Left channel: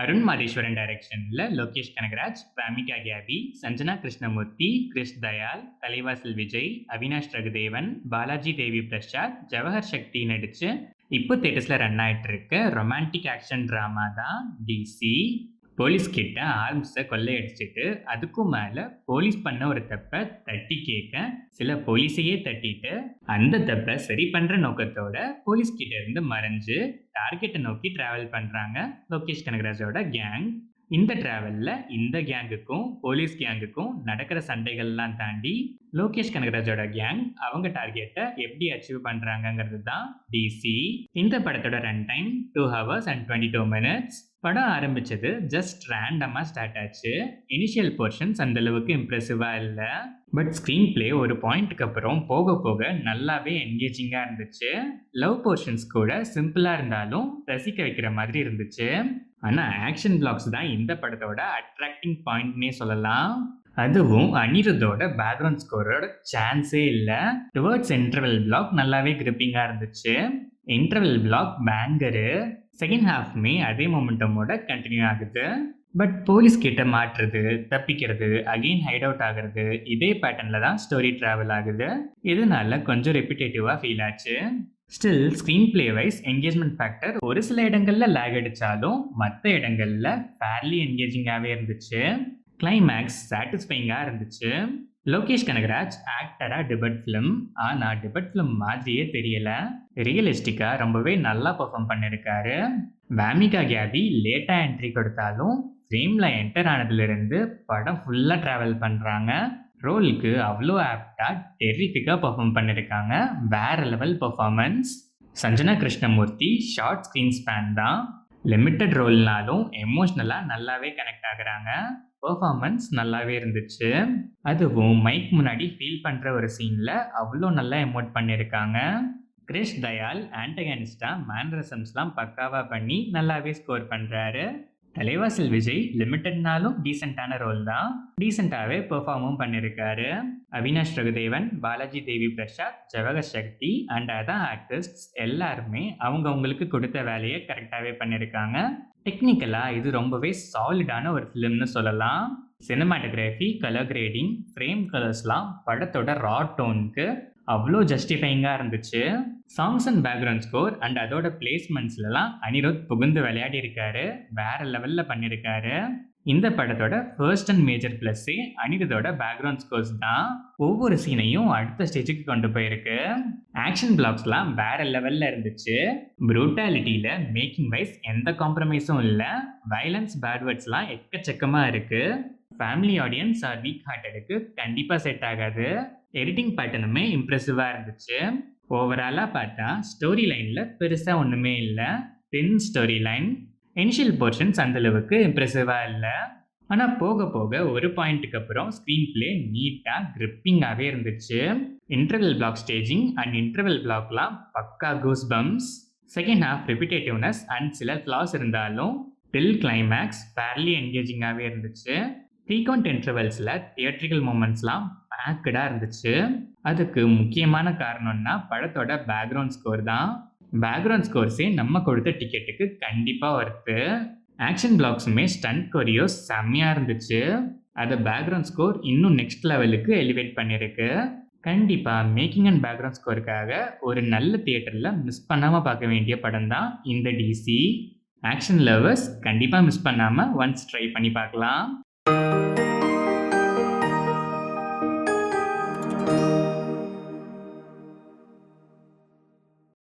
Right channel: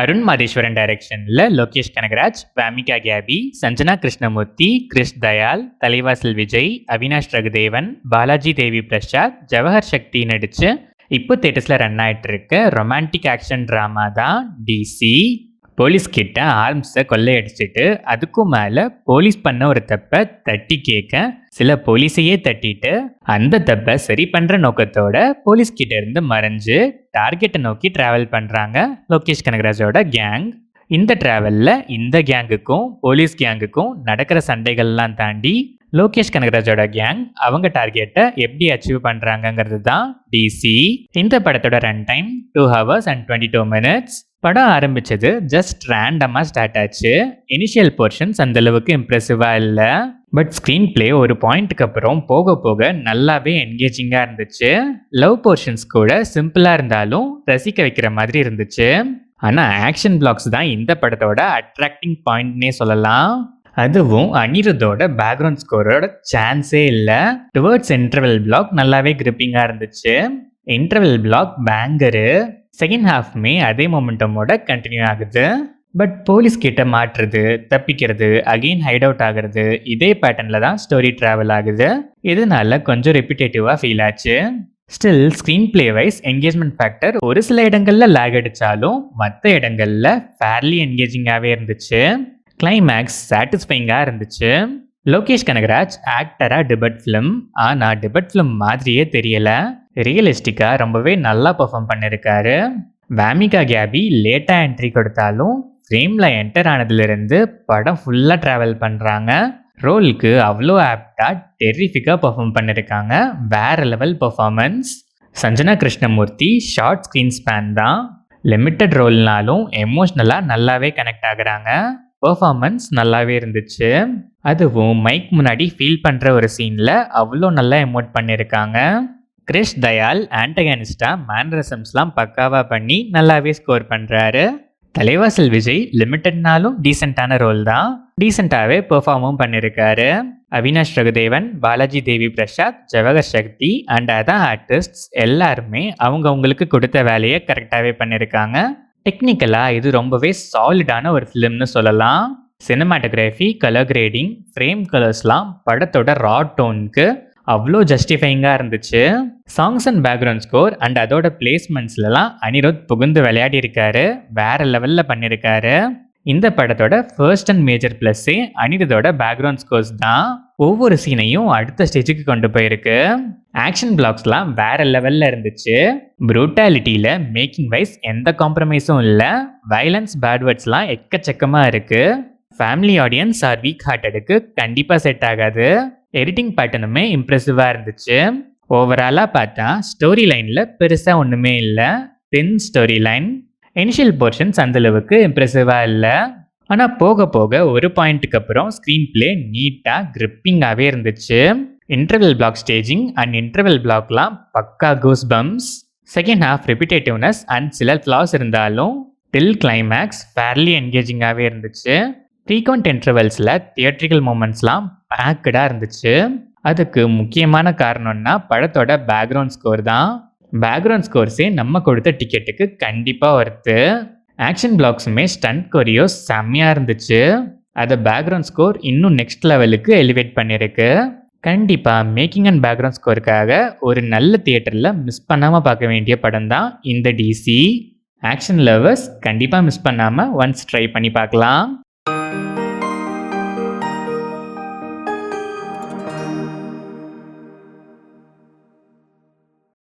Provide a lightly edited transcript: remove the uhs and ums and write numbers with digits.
அருண் மாதேஸ்வரன் டைரக்ஷன்ல லோகேஷ் கனகராஜ், வாமிகா கேபி, சஞ்சனா கிருஷ்ணமூர்த்தி, கிறிஷ் தயால், தலைவாசல் விஜய், அவினாஷ் ரகுதேவன், பாலாஜி தேவி பிரசாத், ஜவஹர் சக்தி நடிச்சு இப்போ தேட்டர்ஸ்ல ரன் ஆயிட்டு இருக்க ரொமான்டிக் ஆக்ஷன் டிராமா தான் டிசி. போலீஸ் கிட்ட ஆர்ம்ஸை கொள்ளையடிச்சிட்டு அதுக்கும் மேல போலீஸ் பண்ண ஒரு தப்பை தட்டி கேட்க சில போலீஸையே தட்டிட்டு அந்த தப்பை சரி பண்ற நோக்கத்தோட போலீஸ் கிட்ட இருந்து மறைஞ்சு டார்கெட்டை நோக்கி டிராவல் பண்றாங்க லோகேஷ் கனகராஜோட கேங். இந்த டிராவல்ல இந்த கேங்குக்கும் போலீஸ் கேங்குக்கும் நடக்கிற சண்டைகள்லாம் தாண்டி லோகேஷ் கனகராஜோட கேங் அவங்க டார்கெட்டை எப்படி அச்சீவ் பண்றாங்கிறது தான் டிசி. இந்த படத்தோட run time 2 hours and 22 minutes. படம் ஆரம்பிச்சது ஜஸ்ட் ரேண்டமா ஸ்டார்ட் ஆச்சு. இனிஷியல் போர்ஷன்ஸ் அந்த அளவுக்கு இம்ப்ரெசிவா இல்லை. பட் ஸ்க்ரீன் பிளே ஒரு பாயிண்ட்டுக்கு அப்புறம் போக போக நல்லாவே என்கேஜிங்கா இருந்துச்சு. லவ் போர்ஷன்ஸ் கூட சிம்பிளா இருந்தாலும் ரசிக்க வைக்கிற மாதிரி இருந்துச்சு. ஆனா ஆக்ஷன் பிளாக்ஸ் தான் இந்த படத்தோட அட்ராக்டிங் பாயிண்ட்னே சொல்லலாம். அதுவும் அனிருத்தோட பேக்ரவுண்ட் ஸ்கோரோட சான்ஸே இல்லை. டுவர்ட்ஸ் இன்டர்வெல் பிளாக் நல்லாவே கிரிப்பிங்கா இருந்துச்சு. Interval block banger. செகண்ட் ஹாஃப்மே அதே மொமெண்டமோட கண்டினியூ ஆகுது. பட் போலீஸ் கிட்ட மாற்றுறது, தப்பிக்கிறது, அகெயின் ஹைட் அவுட் ஆகுறது, இதே பேட்டர்னில் தான் ஸ்டோரி ட்ராவல் ஆகுது. இதனால கொஞ்சம் ரெப்பிட்டேட்டிவாக ஃபீல் ஆச்சு. Still screenplay wise engagement factor ஒரு சில இடங்களில் லேக் அடித்தாலும் மற்ற இடங்களில் ஃபேர்லி என்கேஜிங்காகவே இருந்துச்சு. கிளைமேக்ஸ் சாட்டிஸ்ஃபைங்காக இருந்துச்சு. லோகேஷ் கனகராஜ் ஆக்டராக டிபட் ஃபிலிம், ஆனால் டிபட் ஃபிலிம் மாதிரியே தெரியல. ரியலிஸ்டிக்காக ரொம்பவே நல்லா பெர்ஃபார்ம் பண்ணியிருக்காரு. வாமிகா கேபி லேட்டாக என்ட்ரி கொடுத்தாலும் ஃப்ரேமில் என்டர் ஆனதுலேருந்து படம் ஃபுல்லாக ட்ராவல் பண்ணுறாங்க. ரோலுக்கு அவ்வளோ ஆப்டாக டெரிஃபிக்காக பெர்ஃபார்ம் பண்ணியிருக்காங்க. வேற level performance. Sanjana Krishnamurthy short screen span தான். லிமிட்டட் ரோல்னாலும் எமோஷ்னலாக நல்லாவே கனெக்ட் ஆகுறாங்க. பெர்ஃபார்மன்ஸ் நல்லாவே இருந்துச்சு. அதுவும் மைக் முன்னாடி ஃபீல் பண்ணுற ஒரு சீனில் அவ்வளோ நல்லா எமோட் பண்ணியிருக்காங்க. கிறிஷ் தயால் ஆன்டகனிஸ்டா மேனரிசம்ஸ்லாம் பக்காவாக பண்ணி நல்லாவே ஸ்கோர் பண்ணுறாரு. தலைவாசல் விஜய் லிமிட்டட்னாலும் டீசெண்டான ரோல் தான். டீசெண்டாகவே பெர்ஃபார்மும் பண்ணியிருக்காரு. அவினாஷ் ரகுதேவன், பாலாஜி தேவி பிரசாத், ஜவஹர் சக்தி அண்ட் அதர் ஆர்டிஸ்ட்ஸ் எல்லாருமே அவங்களுக்கு கொடுத்த வேலையை கரெக்டாகவே பண்ணியிருக்காங்க. டெக்னிக்கலாக இது ரொம்பவே சாலிடான ஒரு ஃபிலிம்னு சொல்லலாம். சினிமாட்டோகிராஃபி, கலர் கிரேடிங், ஃப்ரேம் கலர்ஸ்லாம் படத்தோட ரா டோனுக்கு அவ்வளோ ஜஸ்டிஃபைங்காக இருந்துச்சு. Songs and background score and அதோட பிளேஸ்மெண்ட்ஸ்லாம் அனிருத் புகுந்து விளையாடி இருக்காரு. வேற லெவலில் பண்ணியிருக்காரு. இந்த படத்தோட ஃபர்ஸ்ட் அண்ட் மேஜர் ப்ளஸ்ஸே அனிருத்தோட பேக்ரவுண்ட் ஸ்கோர்ஸ் தான். ஒவ்வொரு சீனையும் அடுத்த ஸ்டேஜுக்கு கொண்டு போயிருக்கு. ஆக்ஷன் பிளாக்ஸ்லாம் வேற லெவலில் இருந்துச்சு. ப்ரூட்டாலிட்டியில் மேக்கிங் வைஸ் எந்த காம்ப்ரமைஸும் இல்லை. வயலன்ஸ், பேட்வேர்ட்ஸ்லாம் எக்கச்சக்கமாக இருக்குது. ஃபேமிலி ஆடியன்ஸ் ஆர் வீக் ஹார்ட்டடுக்கு கண்டிப்பாக செட் ஆகாது. எடிட்டிங் பேட்டர்னுமே இம்ப்ரெசிவாக இருந்துச்சு. ஓவராலாக பார்த்தா ஸ்டோரி லைனில் பெருசாக ஒன்றுமே இல்லை. தென் ஸ்டோரி லைன் இனிஷியல் போர்ஷன்ஸ் அந்தளவுக்கு இம்ப்ரெசிவாக இல்லை. ஆனால் போக போக ஒரு பாயிண்ட்டுக்கு அப்புறம் ஸ்க்ரீன் பிளே நீட்டாக கிரிப்பிங்காகவே இருந்துச்சு. Interval block staging and interval பிளாக்லாம் பக்கா goose bumps. Second half repetitiveness and சில ஃப்ளாஸ் இருந்தாலும் டில் கிளைமேக்ஸ் ஃபேர்லி என்கேஜிங்காகவே இருந்துச்சு. ஃப்ரீக்வெண்ட் இன்டர்வெல்ஸில் தியேட்ரிக்கல் மூமெண்ட்ஸ்லாம் பேக்கடாக இருந்துச்சு. அதுக்கு முக்கியமான காரணம்னா படத்தோட பேக்ரவுண்ட் ஸ்கோர் தான். பேக்ரவுண்ட் ஸ்கோர்ஸே நம்ம கொடுத்த டிக்கெட்டுக்கு கண்டிப்பாக ஒர்த்து. ஆக்ஷன் பிளாக்ஸுமே ஸ்டண்ட் கொரியோஸ் செம்மையாக இருந்துச்சு. அதை பேக்ரவுண்ட் ஸ்கோர் இன்னும் நெக்ஸ்ட் லெவலுக்கு எலிவேட் பண்ணியிருக்கு. கண்டிப்பாக மேக்கிங் அண்ட் பேக்ரவுண்ட் ஸ்கோருக்காக ஒரு நல்ல தியேட்டரில் மிஸ் பண்ணாமல் பார்க்க வேண்டிய படம் தான் இந்த டிசி. ஆக்ஷன் லவர்ஸ் கண்டிப்பாக மிஸ் பண்ணாமல் ஒன்ஸ் ட்ரை பண்ணி பார்க்கலாம்.